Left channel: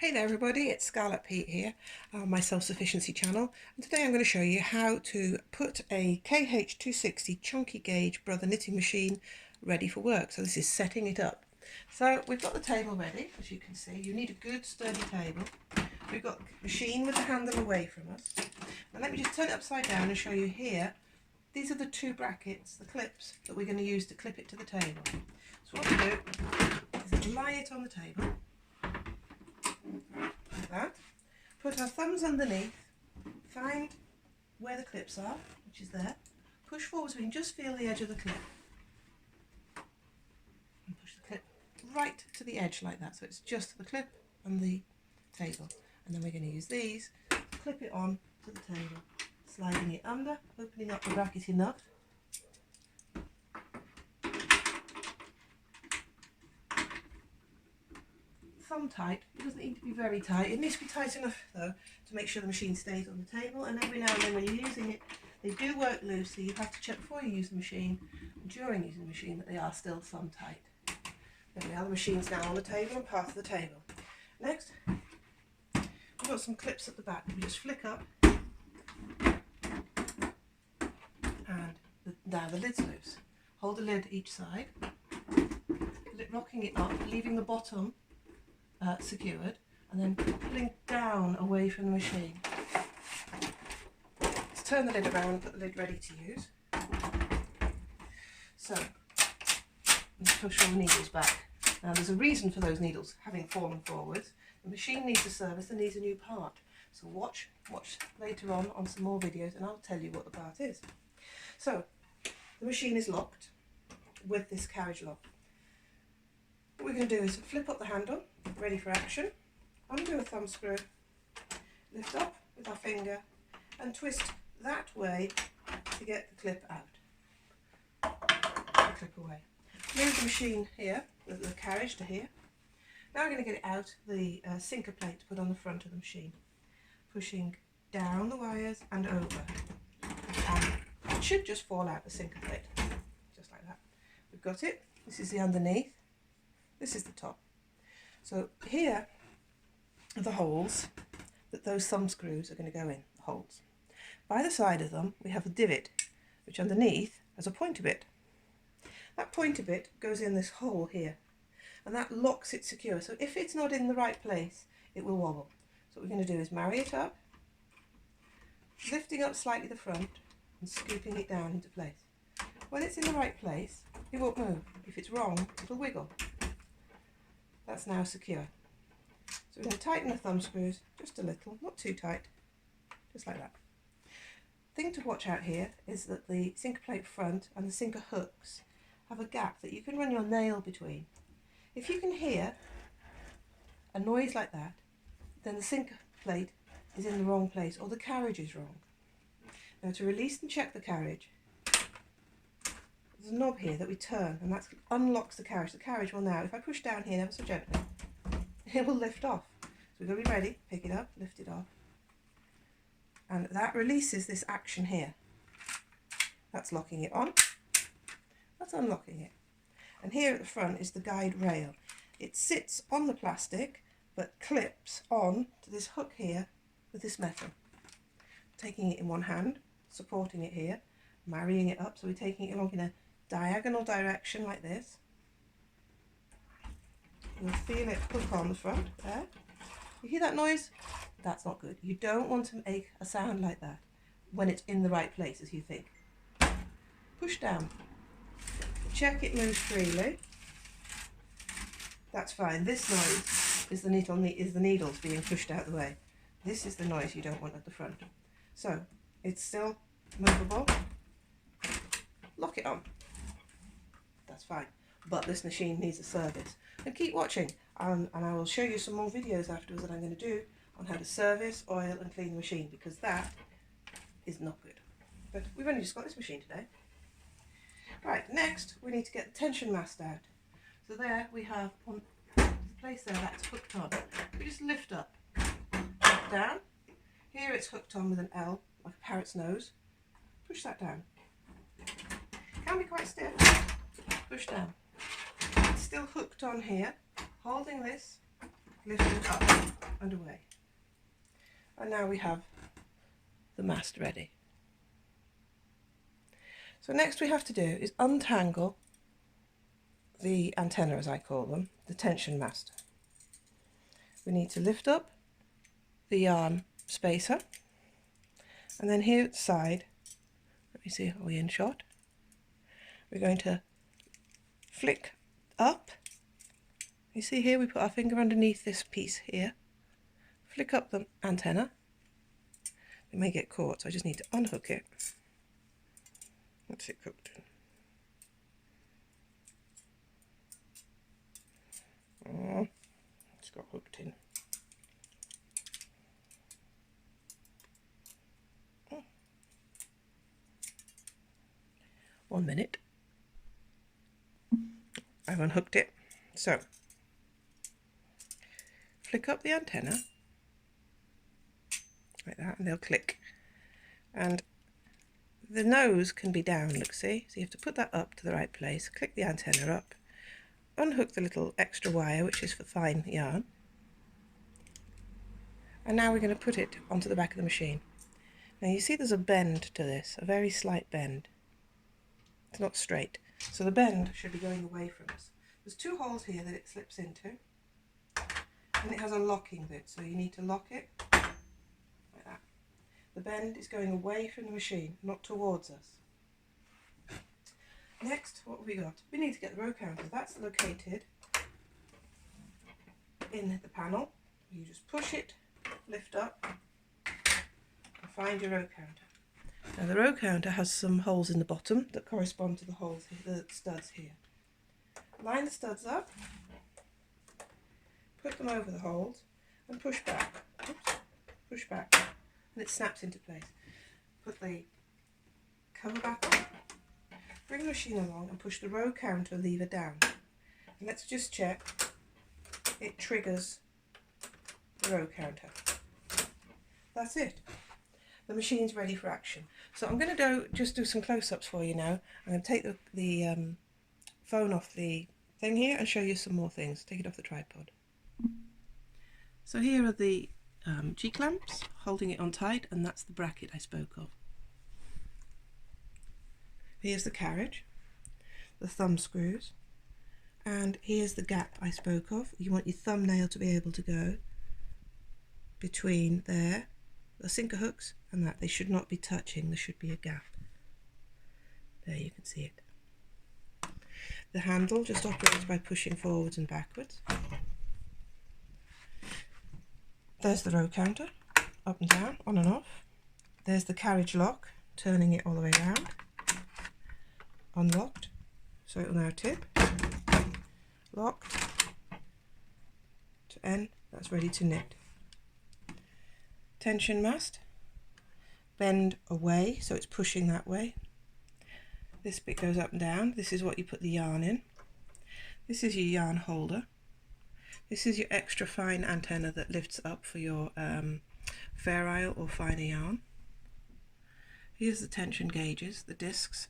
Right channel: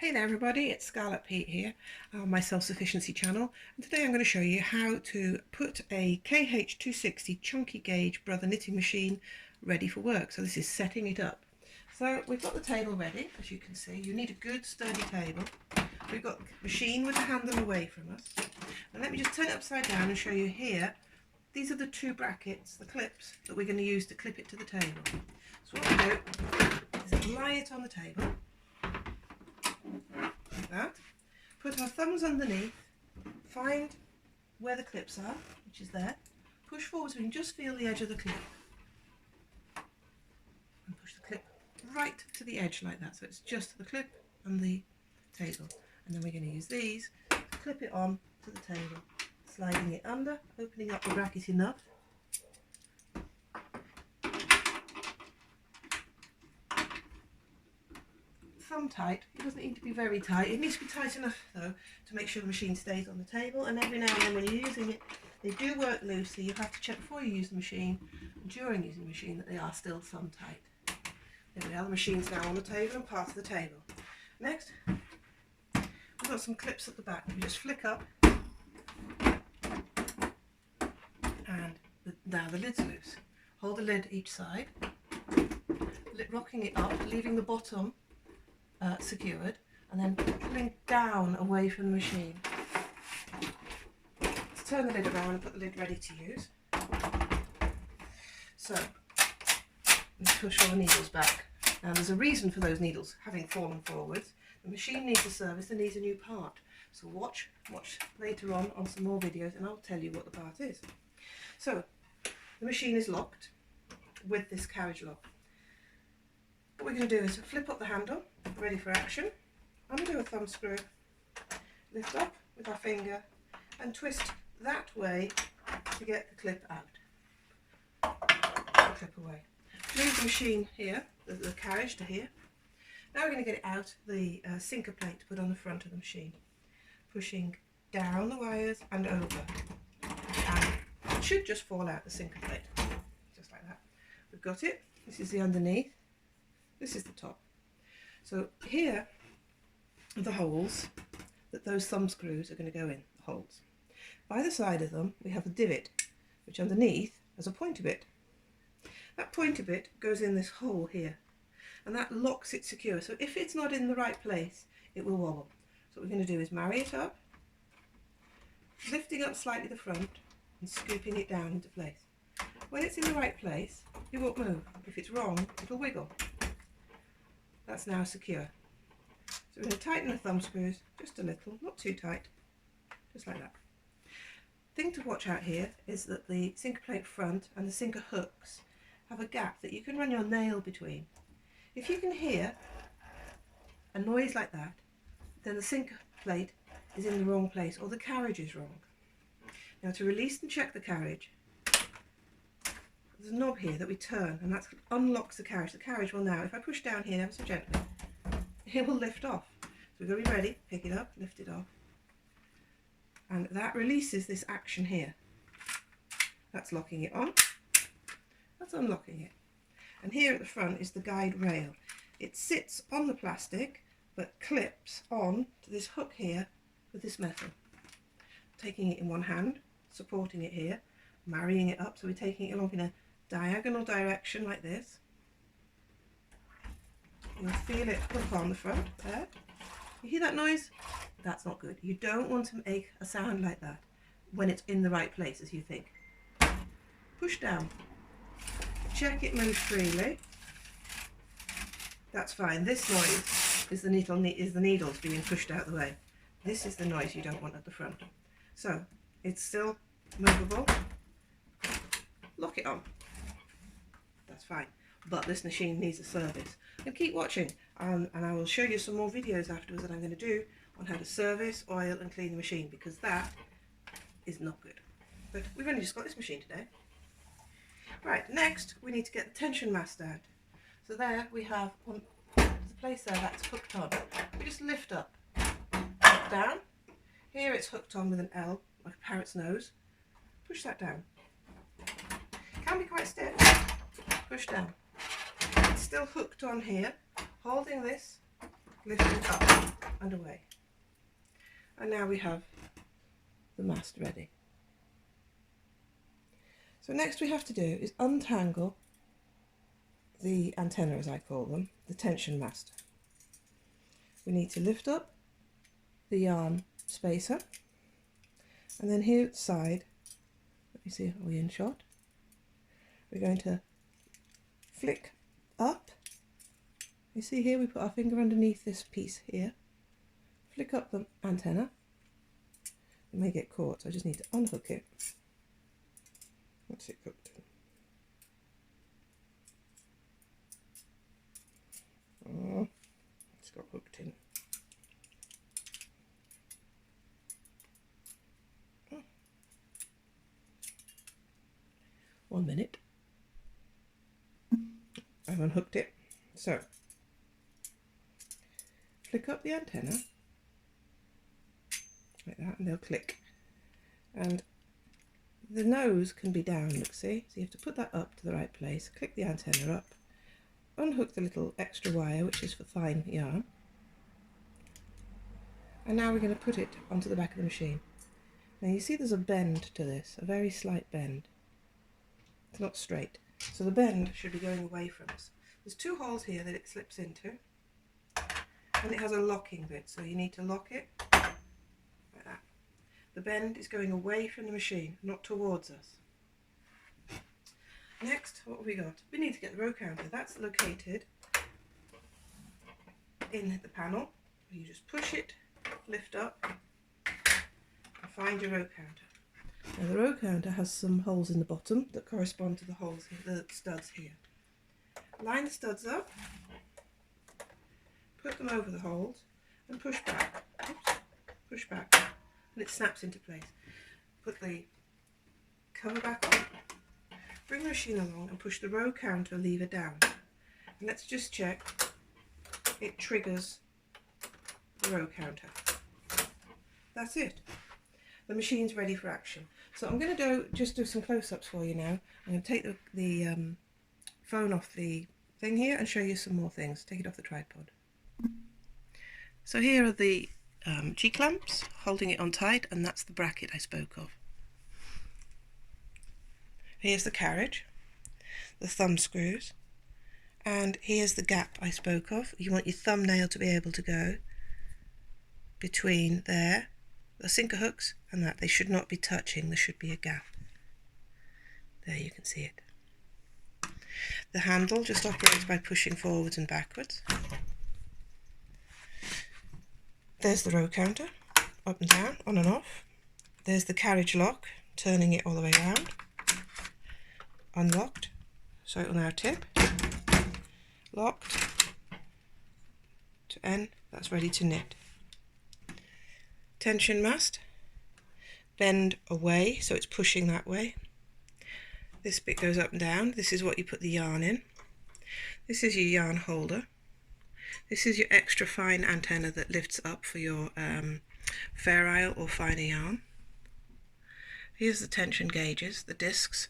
Hey there everybody, it's Scarlet Peate here on my self-sufficiency channel, and today I'm going to show you how to put a KH260 chunky gauge brother knitting machine ready for work. So this is setting it up. So we've got the table ready, as you can see. You need a good sturdy table. We've got the machine with the handle away from us. And let me just turn it upside down and show you here. These are the two brackets, the clips, that we're going to use to clip it to the table. So what we do is lie it on the table. Like that. Put our thumbs underneath, find where the clips are, which is there, push forward so we can just feel the edge of the clip, and push the clip right to the edge like that, so it's just the clip and the table. And then we're going to use these to clip it on to the table, sliding it under, opening up the bracket enough. Thumb tight. It doesn't need to be very tight. It needs to be tight enough though to make sure the machine stays on the table, and every now and then when you're using it they do work loose, so you have to check before you use the machine and during using the machine that they are still thumb tight. There we are, the machine's now on the table and part of the table. Next we've got some clips at the back. We just flick up and now the lid's loose. Hold the lid each side, rocking it up, leaving the bottom secured, and then pulling down away from the machine. Let's turn the lid around and put the lid ready to use. So let's push all the needles back. Now there's a reason for those needles having fallen forwards. The machine needs a service and needs a new part. So watch later on some more videos and I'll tell you what the part is. So the machine is locked with this carriage lock. What we're going to do is flip up the handle, ready for action, undo a thumb screw, lift up with our finger and twist that way to get the clip out. The clip away. Move the machine here, the carriage to here. Now we're going to get it out the sinker plate to put on the front of the machine. Pushing down the wires and over. And it should just fall out the sinker plate, just like that. We've got it. This is the underneath. This is the top. So here are the holes that those thumb screws are going to go in, the holes. By the side of them we have a divot, which underneath has a pointer bit. That pointer bit goes in this hole here, and that locks it secure. So if it's not in the right place, it will wobble. So what we're going to do is marry it up, lifting up slightly the front and scooping it down into place. When it's in the right place, it won't move. If it's wrong, it'll wiggle. That's now secure. So we're going to tighten the thumb screws just a little, not too tight, just like that. Thing to watch out here is that the sinker plate front and the sinker hooks have a gap that you can run your nail between. If you can hear a noise like that, then the sinker plate is in the wrong place or the carriage is wrong. Now to release and check the carriage, there's a knob here that we turn, and that unlocks the carriage. The carriage will now, if I push down here ever so gently, it will lift off. So we've got to be ready, pick it up, lift it off. And that releases this action here. That's locking it on. That's unlocking it. And here at the front is the guide rail. It sits on the plastic, but clips on to this hook here with this metal. Taking it in one hand, supporting it here, marrying it up, so we're taking it along in a diagonal direction like this. You'll feel it hook on the front there. You hear that noise? That's not good. You don't want to make a sound like that when it's in the right place as you think. Push down. Check it moves freely. That's fine. This noise is the needles being pushed out of the way. This is the noise you don't want at the front. So it's still movable. Lock it on. That's fine. But this machine needs a service. And keep watching, and I will show you some more videos afterwards that I'm going to do on how to service, oil and clean the machine, because that is not good. But we've only just got this machine today. Right, next we need to get the tension mast out. So there we have there's a place there that's hooked on. We just lift up, down. Here it's hooked on with an L, like a parrot's nose. Push that down. Can be quite stiff. Push down. It's still hooked on here, holding this lifted up and away. And now we have the mast ready. So next we have to do is untangle the antenna, as I call them, the tension mast. We need to lift up the yarn spacer, and then here at the side, let me see, are we in shot? We're going to flick up. You see here we put our finger underneath this piece here, flick up the antenna. It may get caught, so I just need to unhook it. What's it cooked in? Oh, it's got hooked in. Oh. 1 minute. I've unhooked it. So, flick up the antenna like that, and they'll click. And the nose can be down, look, see? So you have to put that up to the right place, click the antenna up, unhook the little extra wire, which is for fine yarn. And now we're going to put it onto the back of the machine. Now you see there's a bend to this, a very slight bend. It's not straight. So the bend should be going away from us. There's 2 holes here that it slips into, and it has a locking bit, so you need to lock it like that. The bend is going away from the machine, not towards us. Next, what have we got? We need to get the row counter. That's located in the panel. You just push it, lift up, and find your row counter. Now the row counter has some holes in the bottom that correspond to the holes here, the studs here. Line the studs up, put them over the holes, and push back. Oops, push back, and it snaps into place. Put the cover back on, bring the machine along, and push the row counter lever down. And let's just check it triggers the row counter. That's it. The machine's ready for action. So I'm going to just do some close-ups for you now. I'm going to take the phone off the thing here and show you some more things. Take it off the tripod. So here are the G-clamps holding it on tight, and that's the bracket I spoke of. Here's the carriage, the thumb screws, and here's the gap I spoke of. You want your thumbnail to be able to go between there, the sinker hooks, and that. They should not be touching, there should be a gap. There, you can see it. The handle just operates by pushing forwards and backwards. There's the row counter, up and down, on and off. There's the carriage lock, turning it all the way around. Unlocked, so it will now tip. Locked to N, that's ready to knit. Tension mast, bend away, so it's pushing that way. This bit goes up and down. This is what you put the yarn in. This is your yarn holder. This is your extra fine antenna that lifts up for your Fair Isle or finer yarn. Here's the tension gauges, the discs.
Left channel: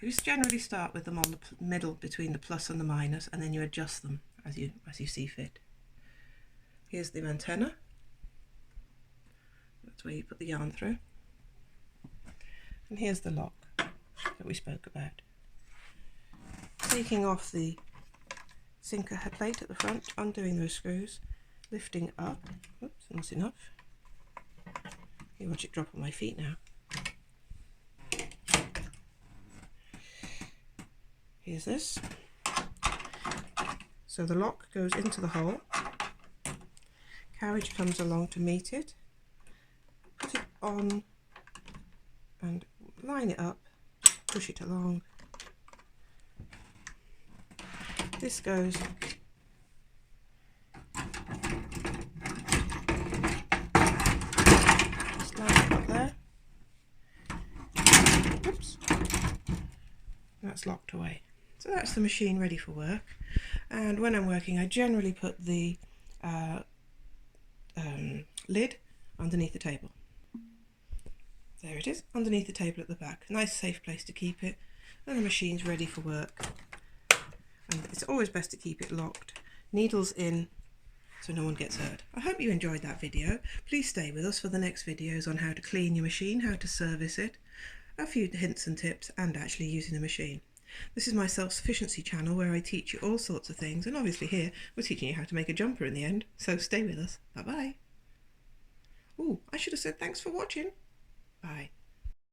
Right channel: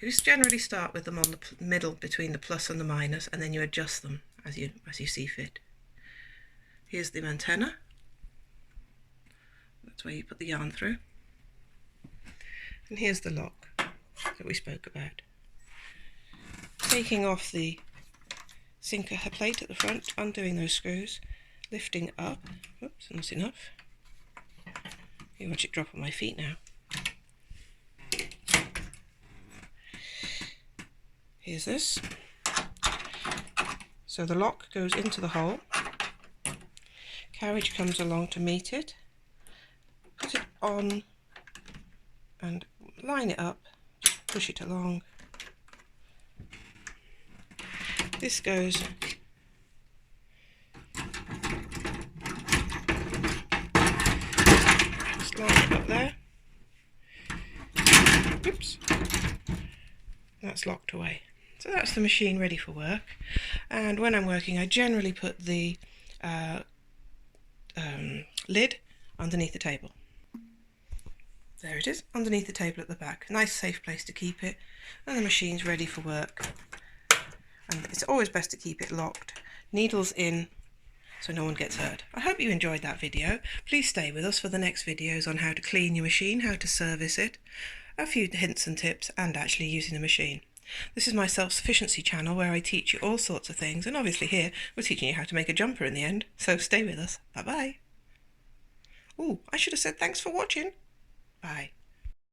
You just generally start with them on the middle between the plus and the minus, and then you adjust them as you see fit. Here's the antenna. That's where you put the yarn through. And here's the lock that we spoke about. Taking off the sinker plate at the front, undoing those screws, lifting up. Oops, not enough. You watch it drop on my feet now. Here's this. So the lock goes into the hole. Carriage comes along to meet it. Put it on and line it up. Just push it along. This goes just line it up there. Oops. That's locked away. So that's the machine ready for work. And when I'm working, I generally put the lid underneath the table. There it is, underneath the table at the back. Nice safe place to keep it. And the machine's ready for work. And it's always best to keep it locked. Needles in so no one gets hurt. I hope you enjoyed that video. Please stay with us for the next videos on how to clean your machine, how to service it, a few hints and tips, and actually using the machine. This is my self-sufficiency channel where I teach you all sorts of things, and obviously here we're teaching you how to make a jumper in the end, so stay with us. Bye bye. Oh, I should have said thanks for watching. Bye.